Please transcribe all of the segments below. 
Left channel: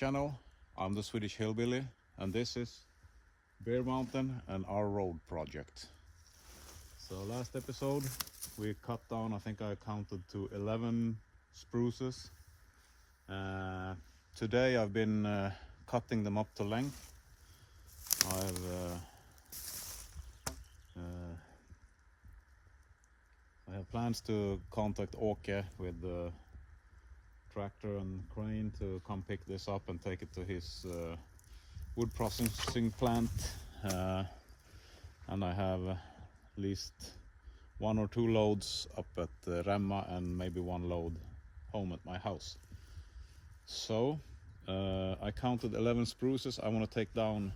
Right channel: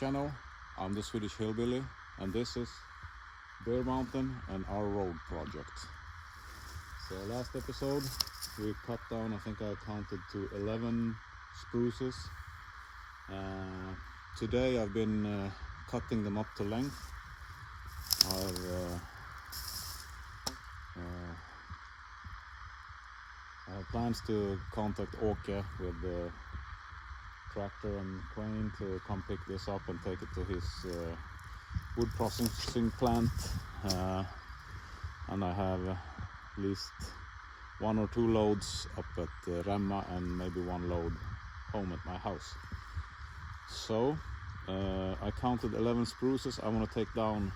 channel. I'm the Swedish Hillbilly, and this is Bear Mountain and our road project. So last episode we cut down, I think I counted to 11 spruces. Today I've been cutting them up to length. I have plans to contact Åke with the tractor and crane to come pick this up and take it to his wood processing plant. And I have at least 1 or 2 loads up at Remma and maybe 1 load home at my house. So I counted 11 spruces. I want to take down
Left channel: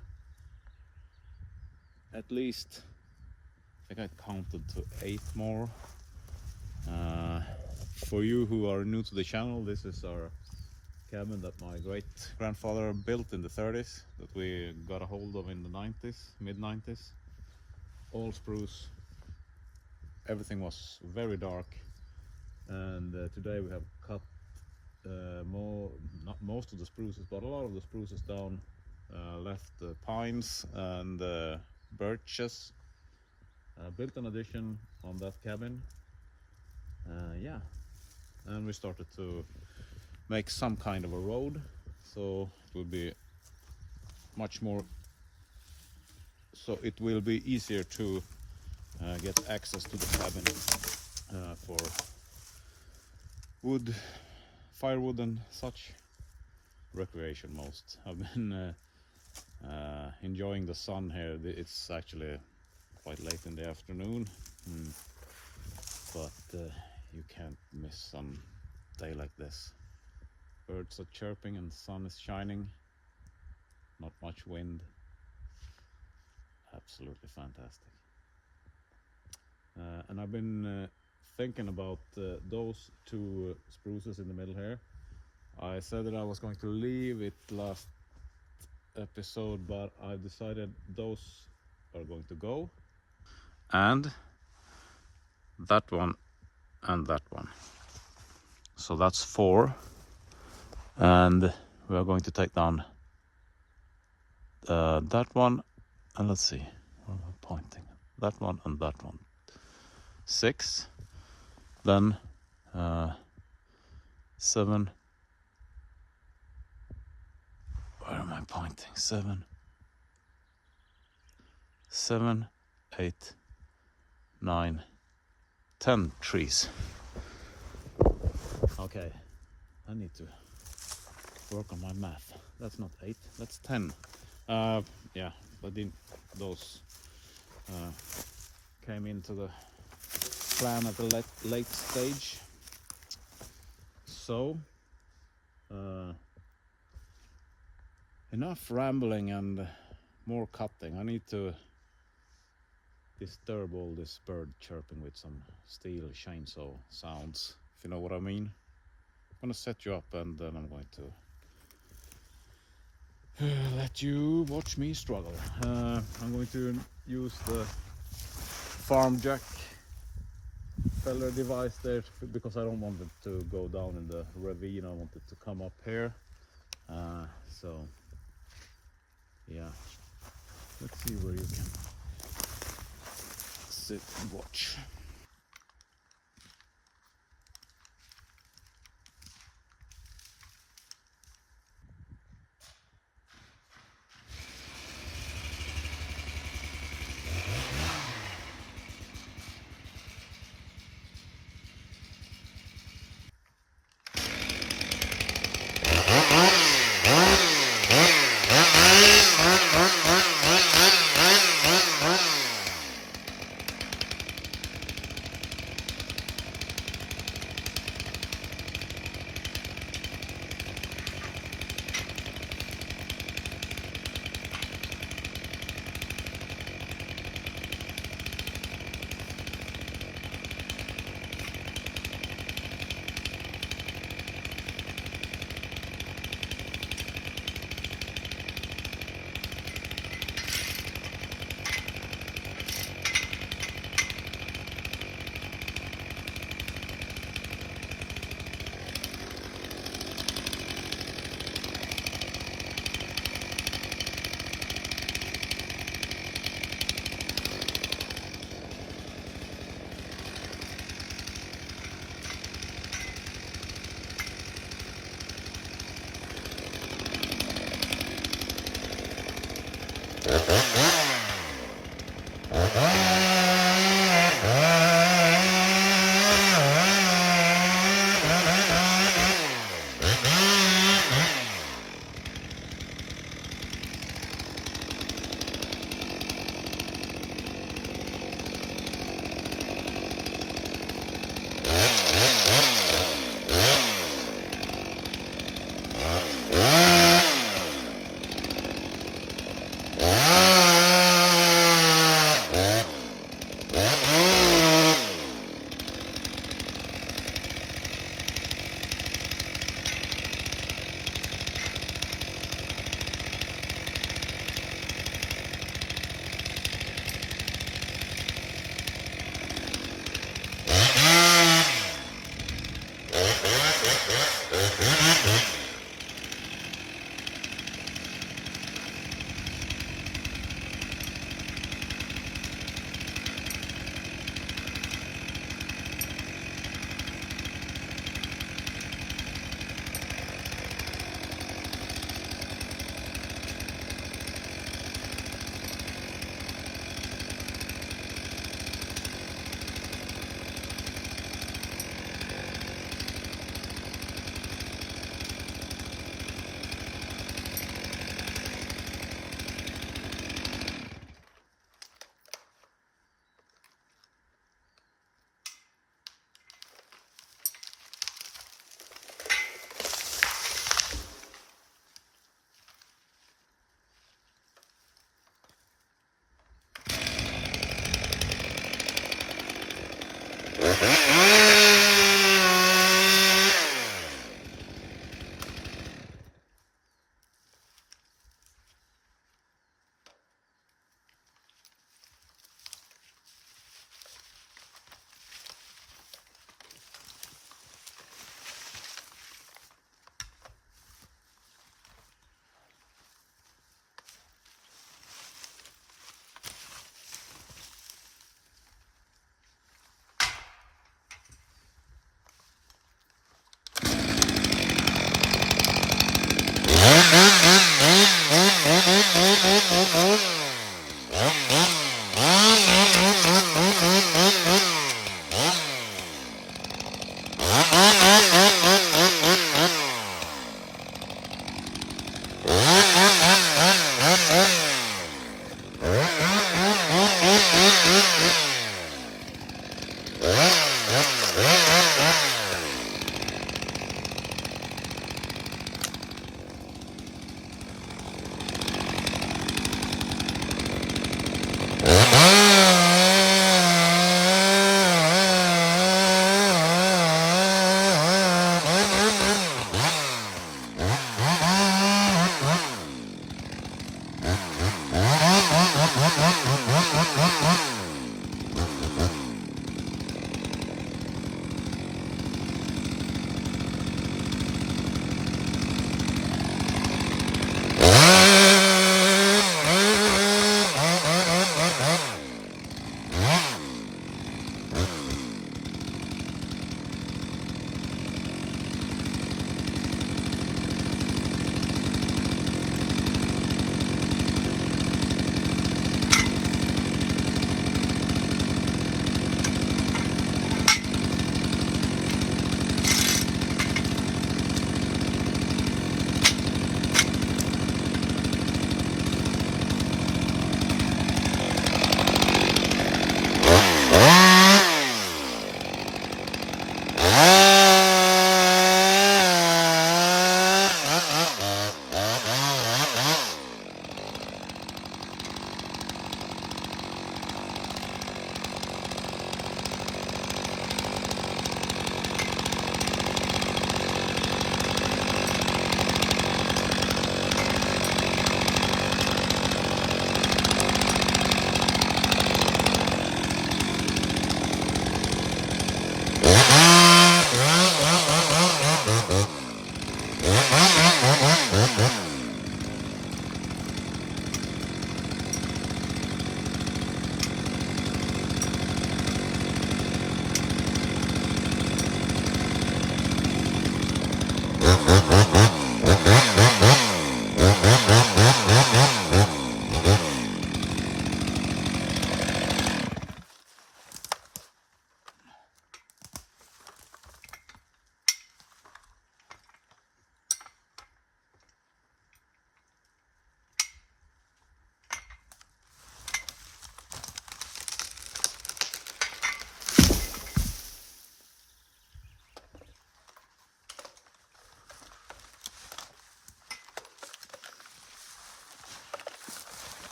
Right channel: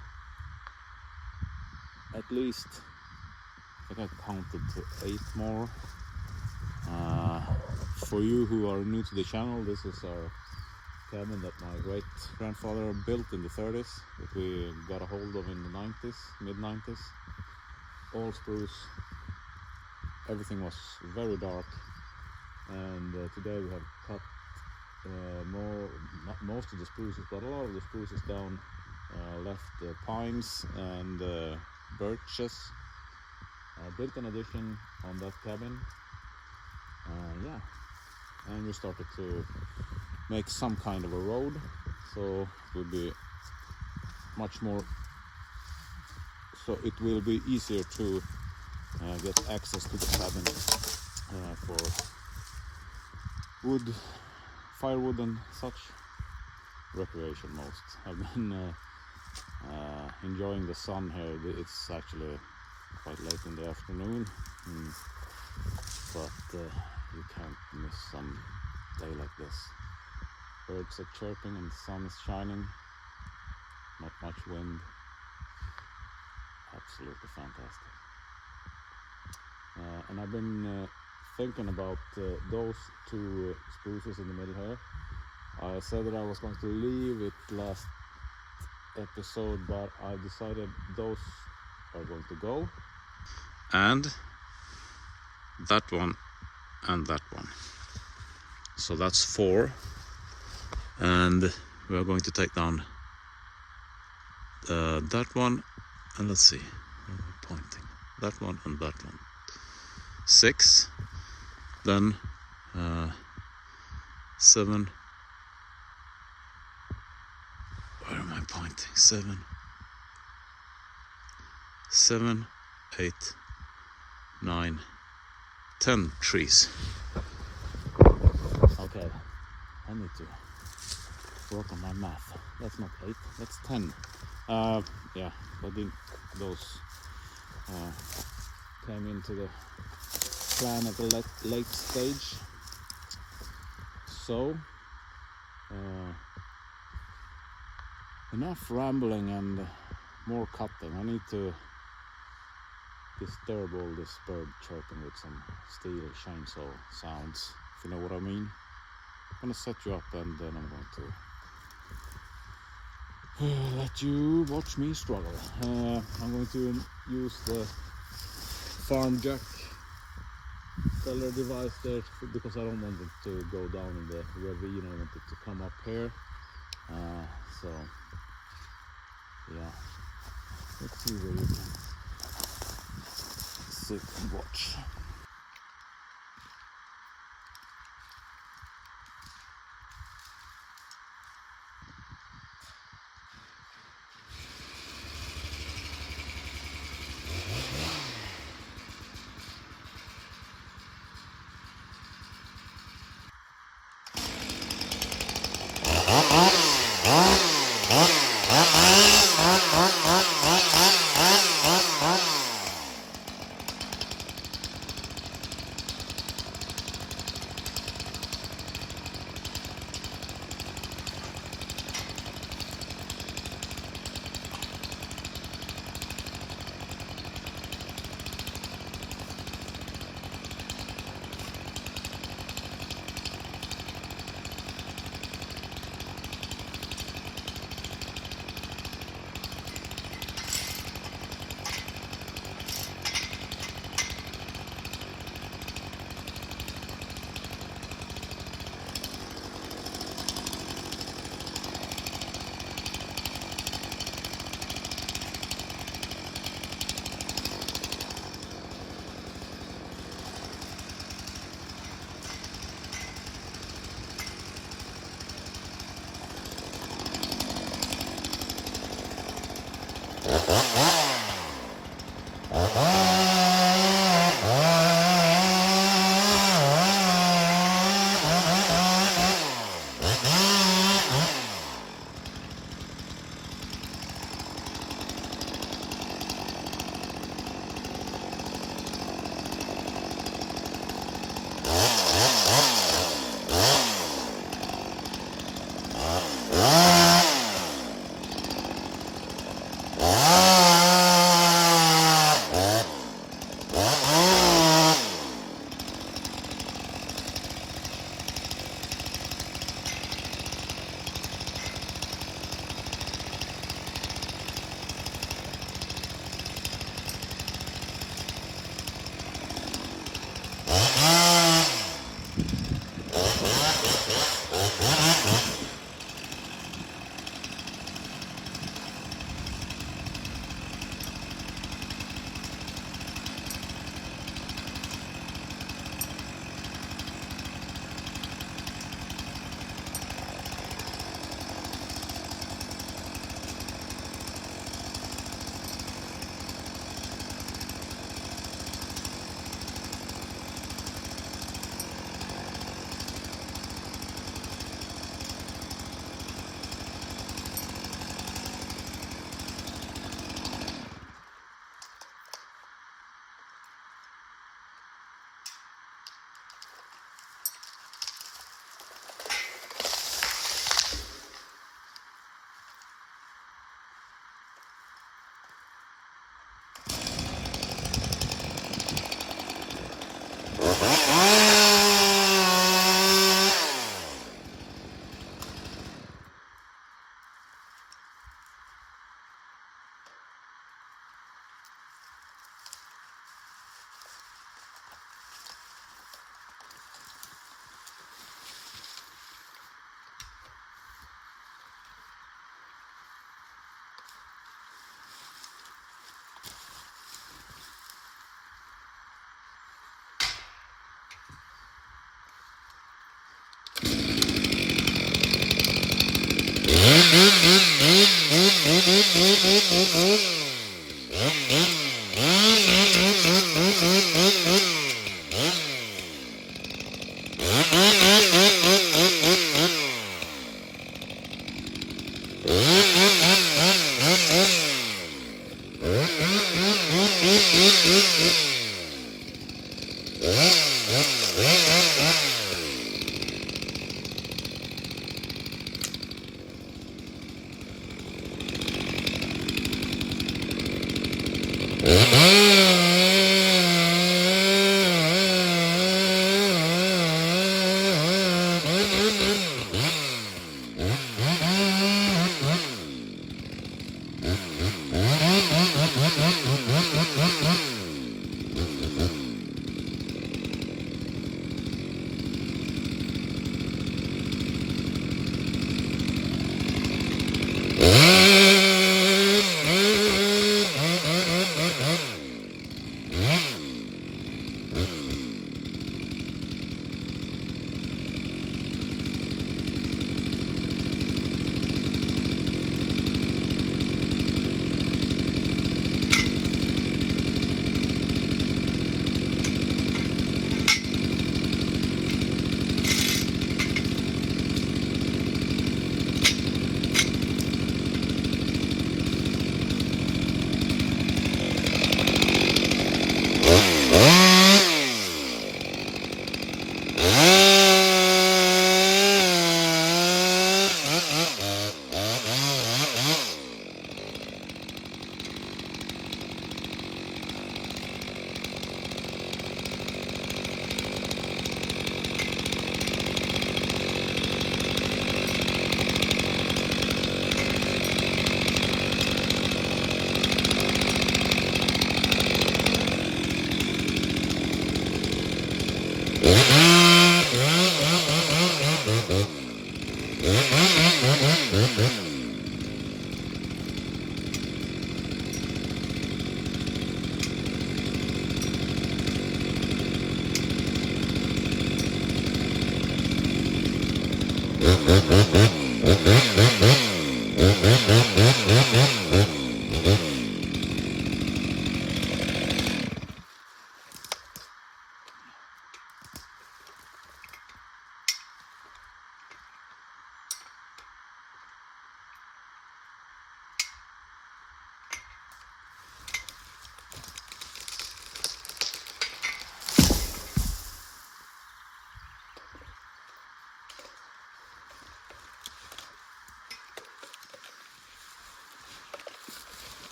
at least, I think I counted to 8 more. For you who are new to the channel, this is our cabin that my great grandfather built in the 30s, that we got a hold of in the 90s, mid-90s. All spruce, everything was very dark, and today we have cut not most of the spruces, but a lot of the spruces down, left pines and birches. Built an addition on that cabin. Yeah, and we started to make some kind of a road, so it will be much more, so it will be easier to get access to the cabin for wood, firewood and such, recreation most. I've been enjoying the sun here. It's actually quite late in the afternoon, but you can't miss some day like this. Birds are chirping and the sun is shining, not much wind. Absolutely fantastic. And I've been thinking about those 2 spruces in the middle here. I said that I was going to leave it last episode, but I decided those are going to go. And that one and that one. So that's 4. And we are going to take down that one, and let's see, where am I pointing? That one and that one. 6. Then 7. Where am I pointing? 7, 8, 9, 10 trees. Okay, I need to work on my math. That's not 8, that's 10. Yeah, but those came into the plan at the late stage. So enough rambling and more cutting. I need to disturb all this bird chirping with some Stihl chainsaw sounds, if you know what I mean. I'm gonna set you up and then I'm going to let you watch me struggle. I'm going to use the farm jack feller device there because I don't want it to go down in the ravine. I want it to come up here. So yeah, let's see where you can sit and watch.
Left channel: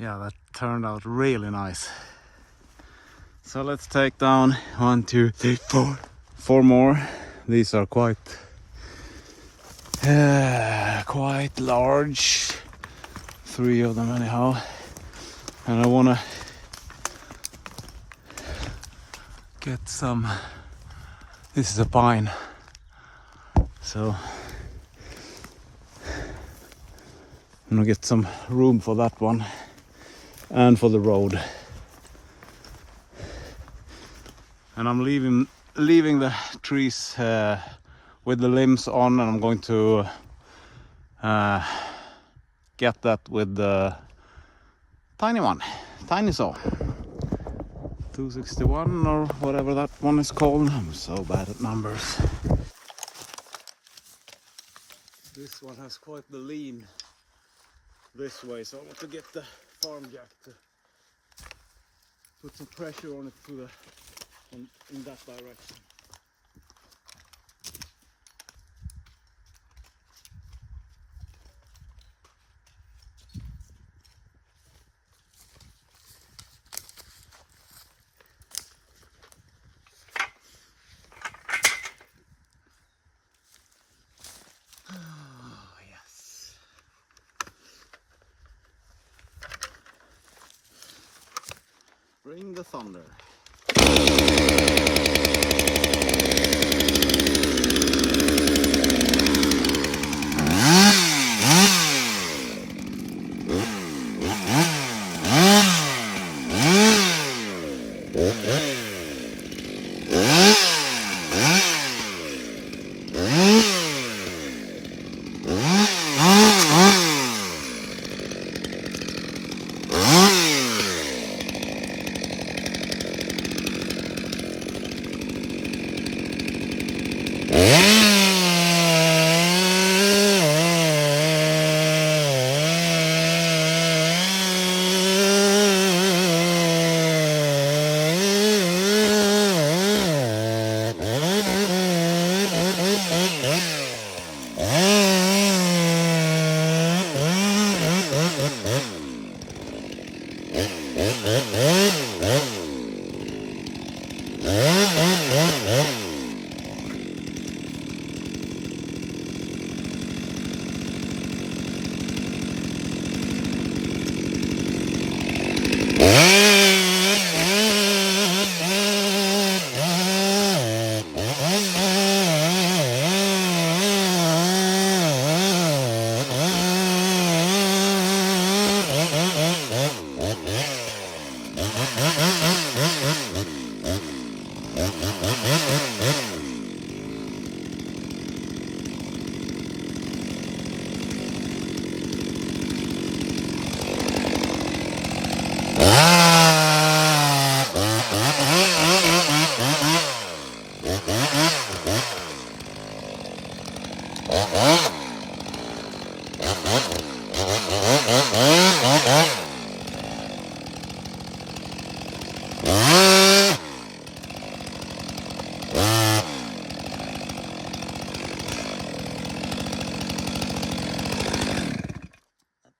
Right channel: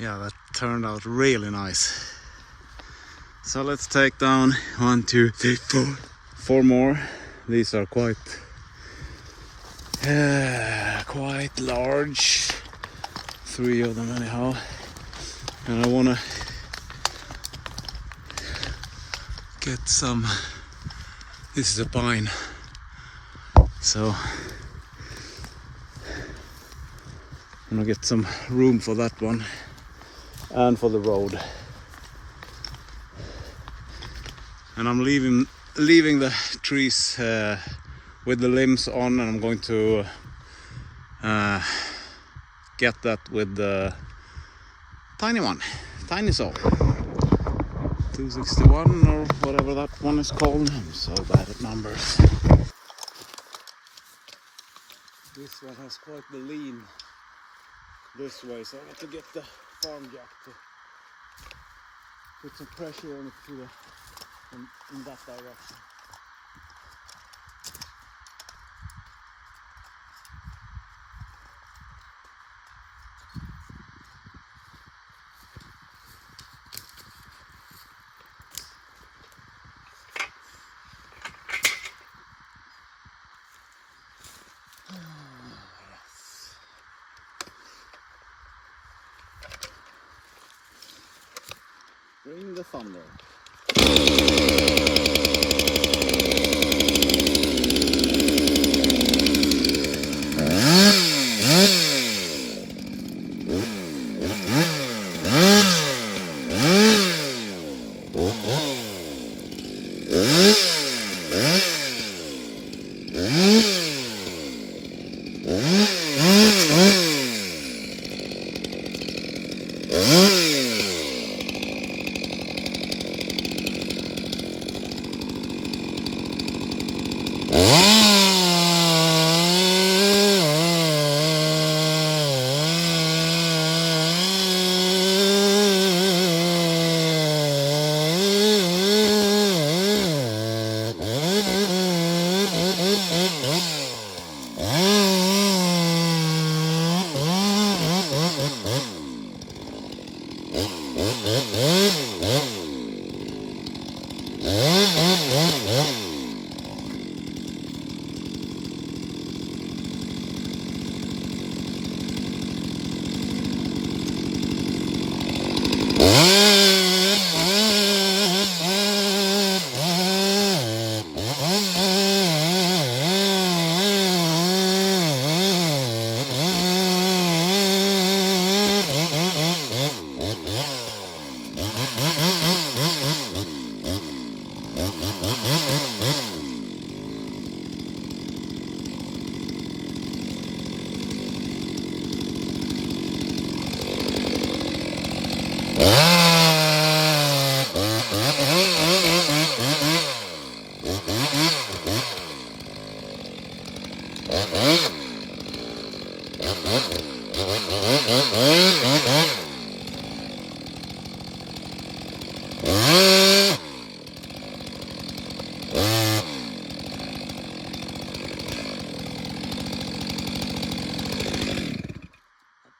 Yeah, that turned out really nice. So let's take down 1, 2, 3, 4. 4 more. These are quite large. 3 of them anyhow. And I wanna get some. This is a pine, so I'm gonna get some room for that one and for the road. And I'm leaving the trees with the limbs on, and I'm going to get that with the tiny saw, 261 or whatever that one is called. I'm so bad at numbers. This one has quite the lean this way, so I have to get the farm jack to put some pressure on it in that direction. Yes. Bring the thunder.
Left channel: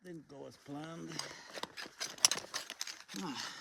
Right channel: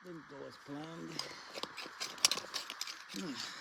Didn't go as planned. Nice.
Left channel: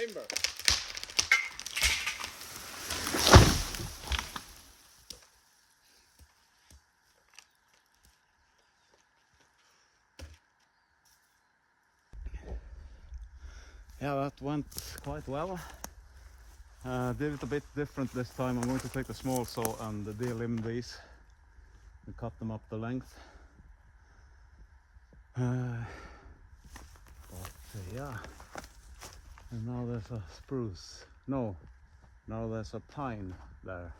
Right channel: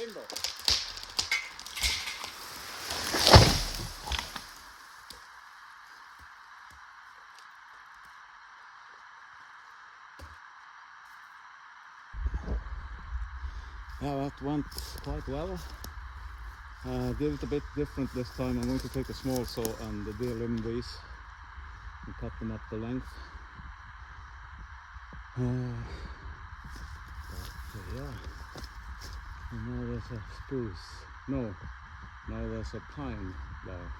timber. Yeah, that went quite well. Did it a bit different this time. I'm going to take a small saw and delimb these and cut them up the length. But yeah, and now there's a spruce. No, now there's a pine there.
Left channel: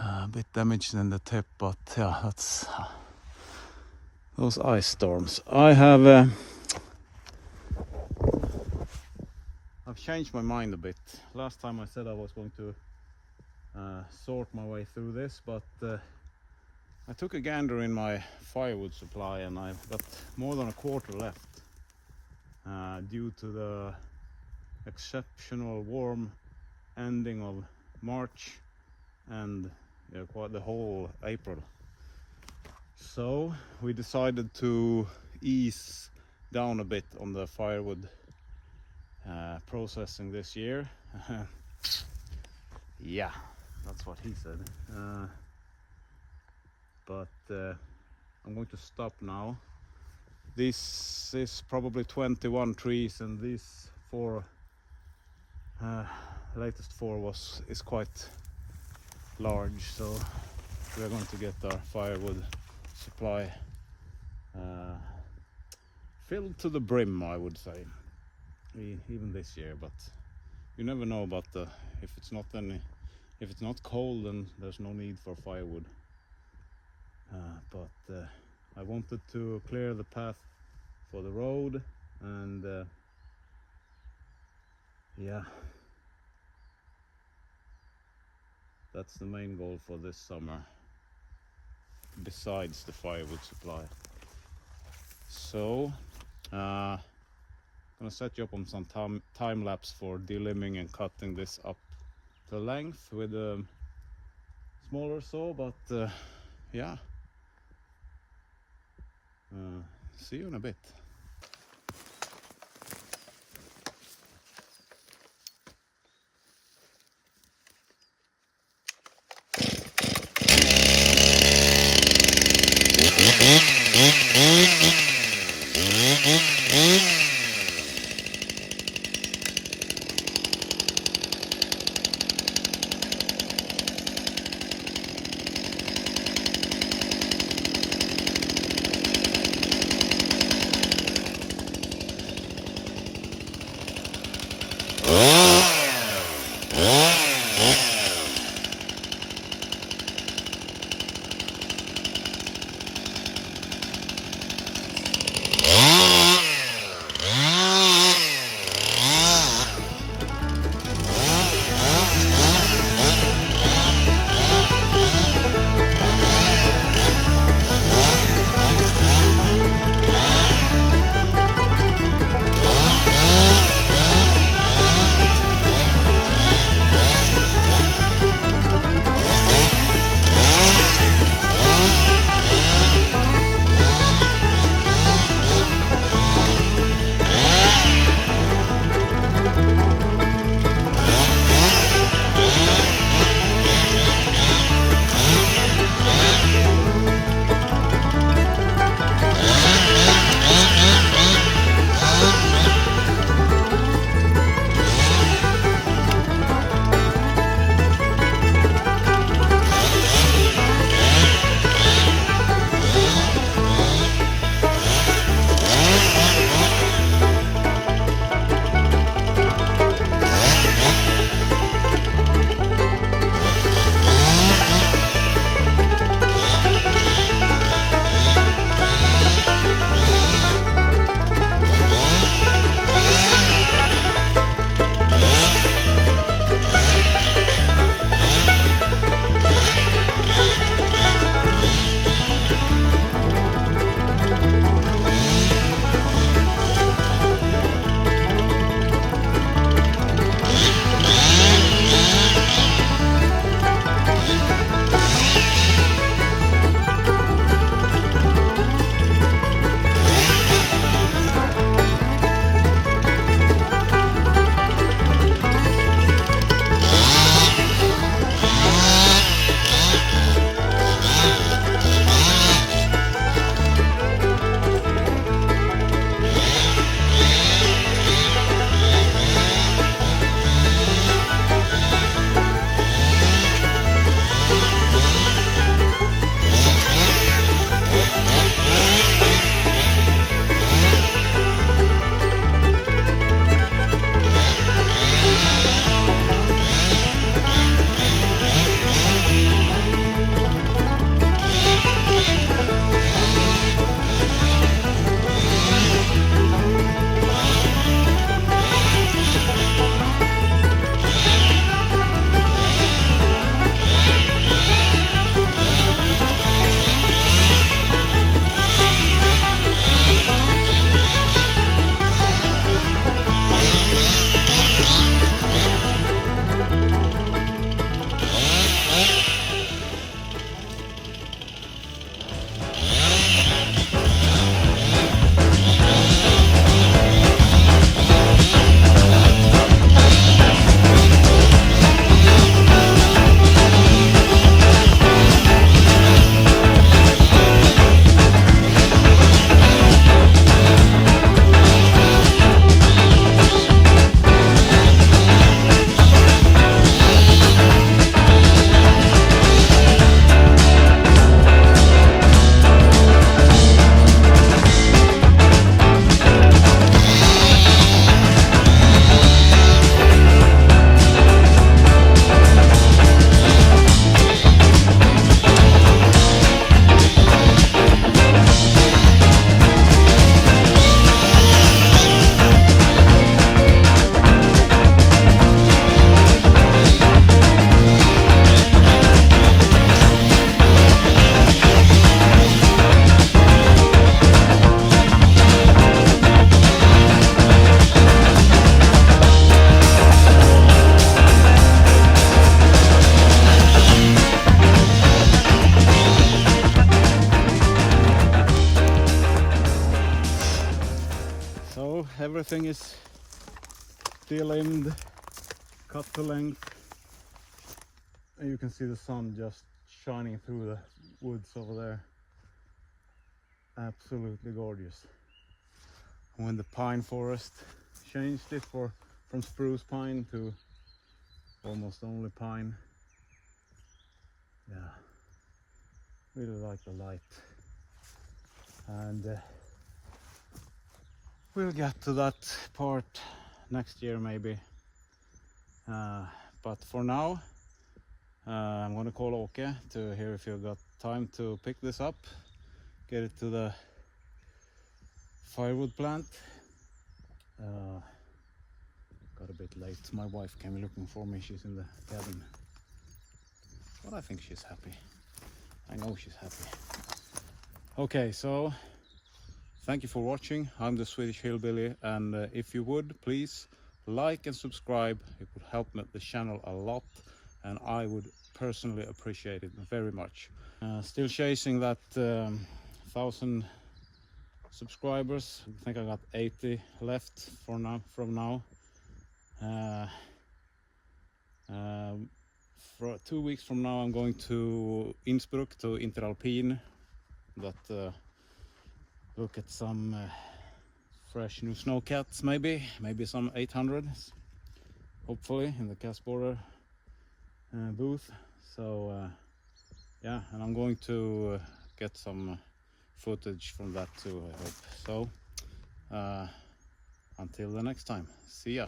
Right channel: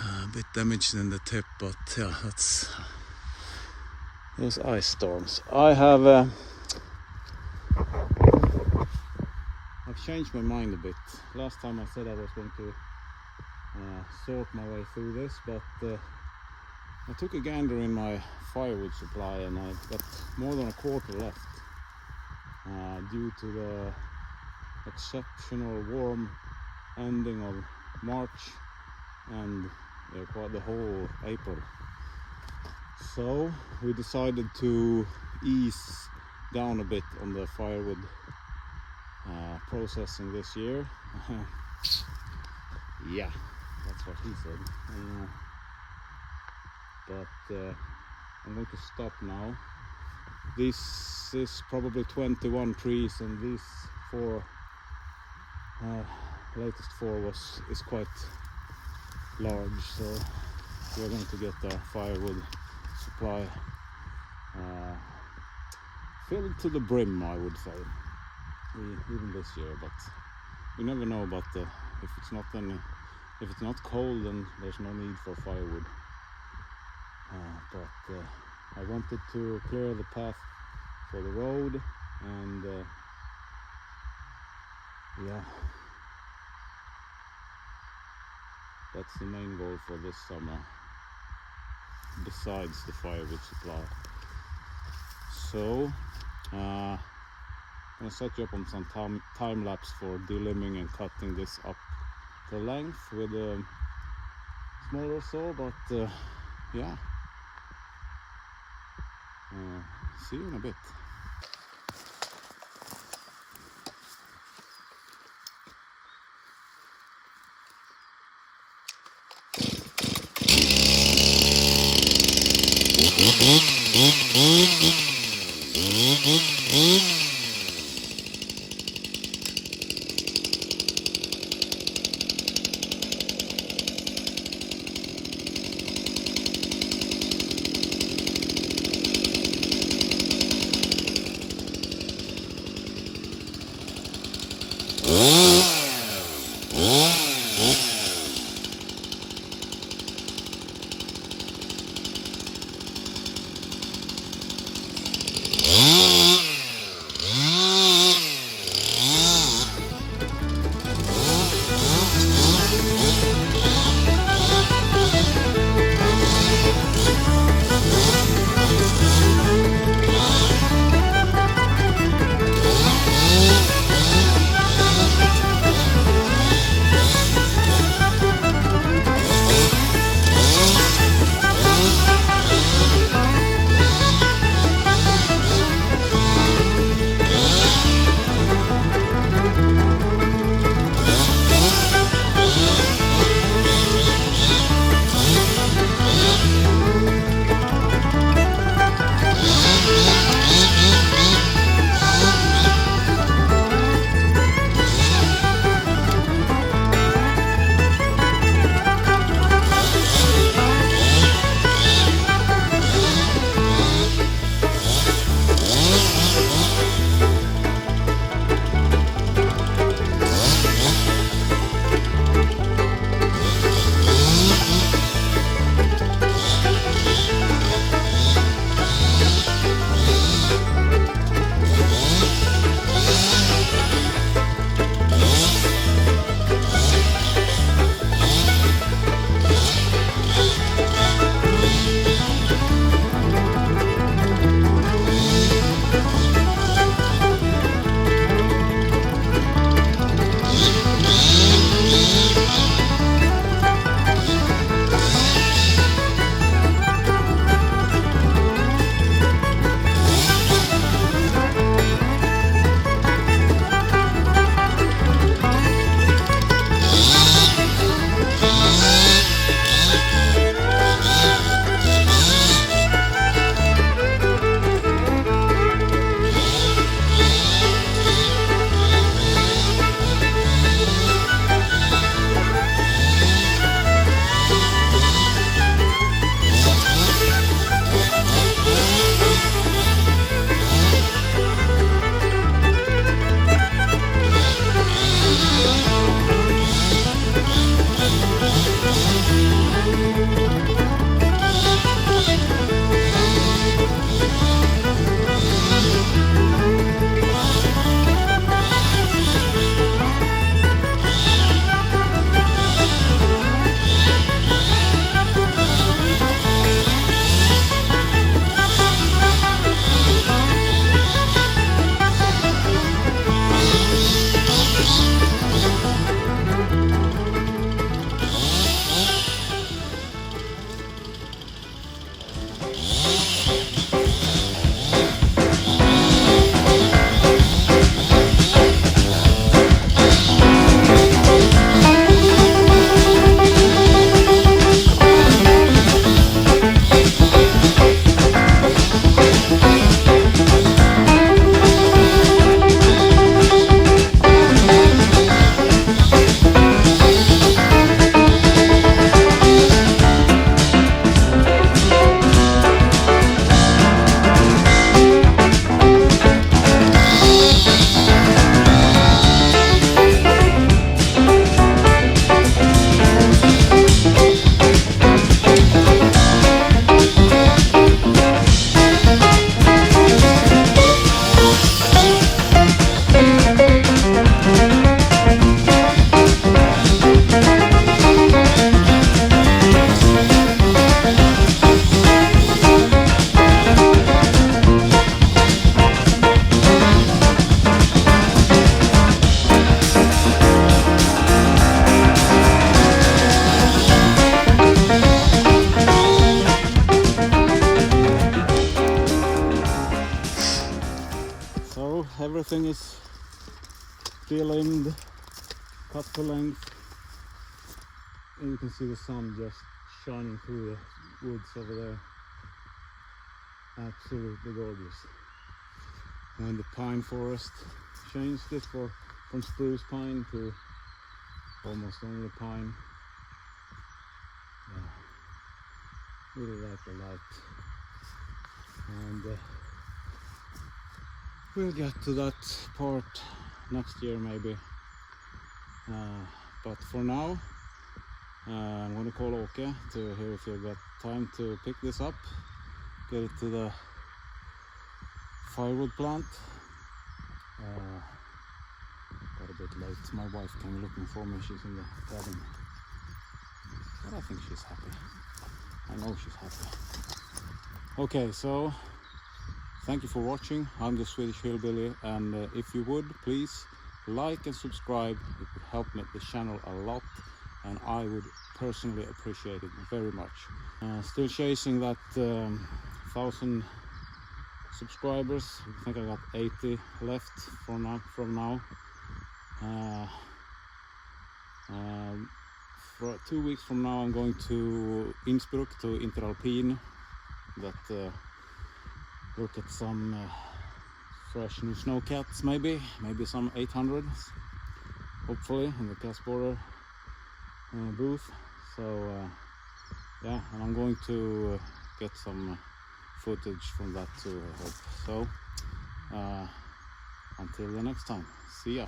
A bit damaged in the tip, but yeah, that's those ice storms. I've changed my mind a bit. Last time I said I was going to sort my way through this, but I took a gander in my firewood supply and I got more than a quarter left due to the exceptional warm ending of March and quite the whole April. So we decided to ease down a bit on the firewood processing this year. Yeah, that's what he said. But I'm going to stop now. This is probably 21 trees, and these latest four is quite large, so we're going to get the firewood supply filled to the brim, I would say, even this year. But you never know about if it's not cold, then there's no need for firewood. But I wanted to clear the path for the road, and yeah, that's the main goal for this summer, besides the firewood supply. So I'm gonna set you up on some time lapse for delimbing and cutting this up the length with a smaller saw, but yeah, see you in a bit. everything is de-limbed, cut to length, and you can see the sun just shining through the woods over there. Absolutely gorgeous. When the pine forest changed it from spruce pine to almost only pine. Yeah, really like the light. And we'll get to that part next year maybe. But for now, I'm gonna call Åke to hear if you've got time to pick this up, get it to the firewood plant. Got a bit late. My wife came looking for me. She's in the cabin, but I think she's happy. I know she's happy. Okay, so thank you for watching. I'm the Swedish Hillbilly, and if you would please like and subscribe, it would help the channel a lot, and I would personally appreciate it very much. Still chasing that 1,000 subscribers. I think I got 80 left from now. For 2 weeks from now I'm going to Innsbruck, to Interalpine, that look at some fresh new snowcats, maybe some 800s, hopefully, in the Casborder booth. So yeah, and I'm going to get some footage from that too, I hope. So until the next time, see ya.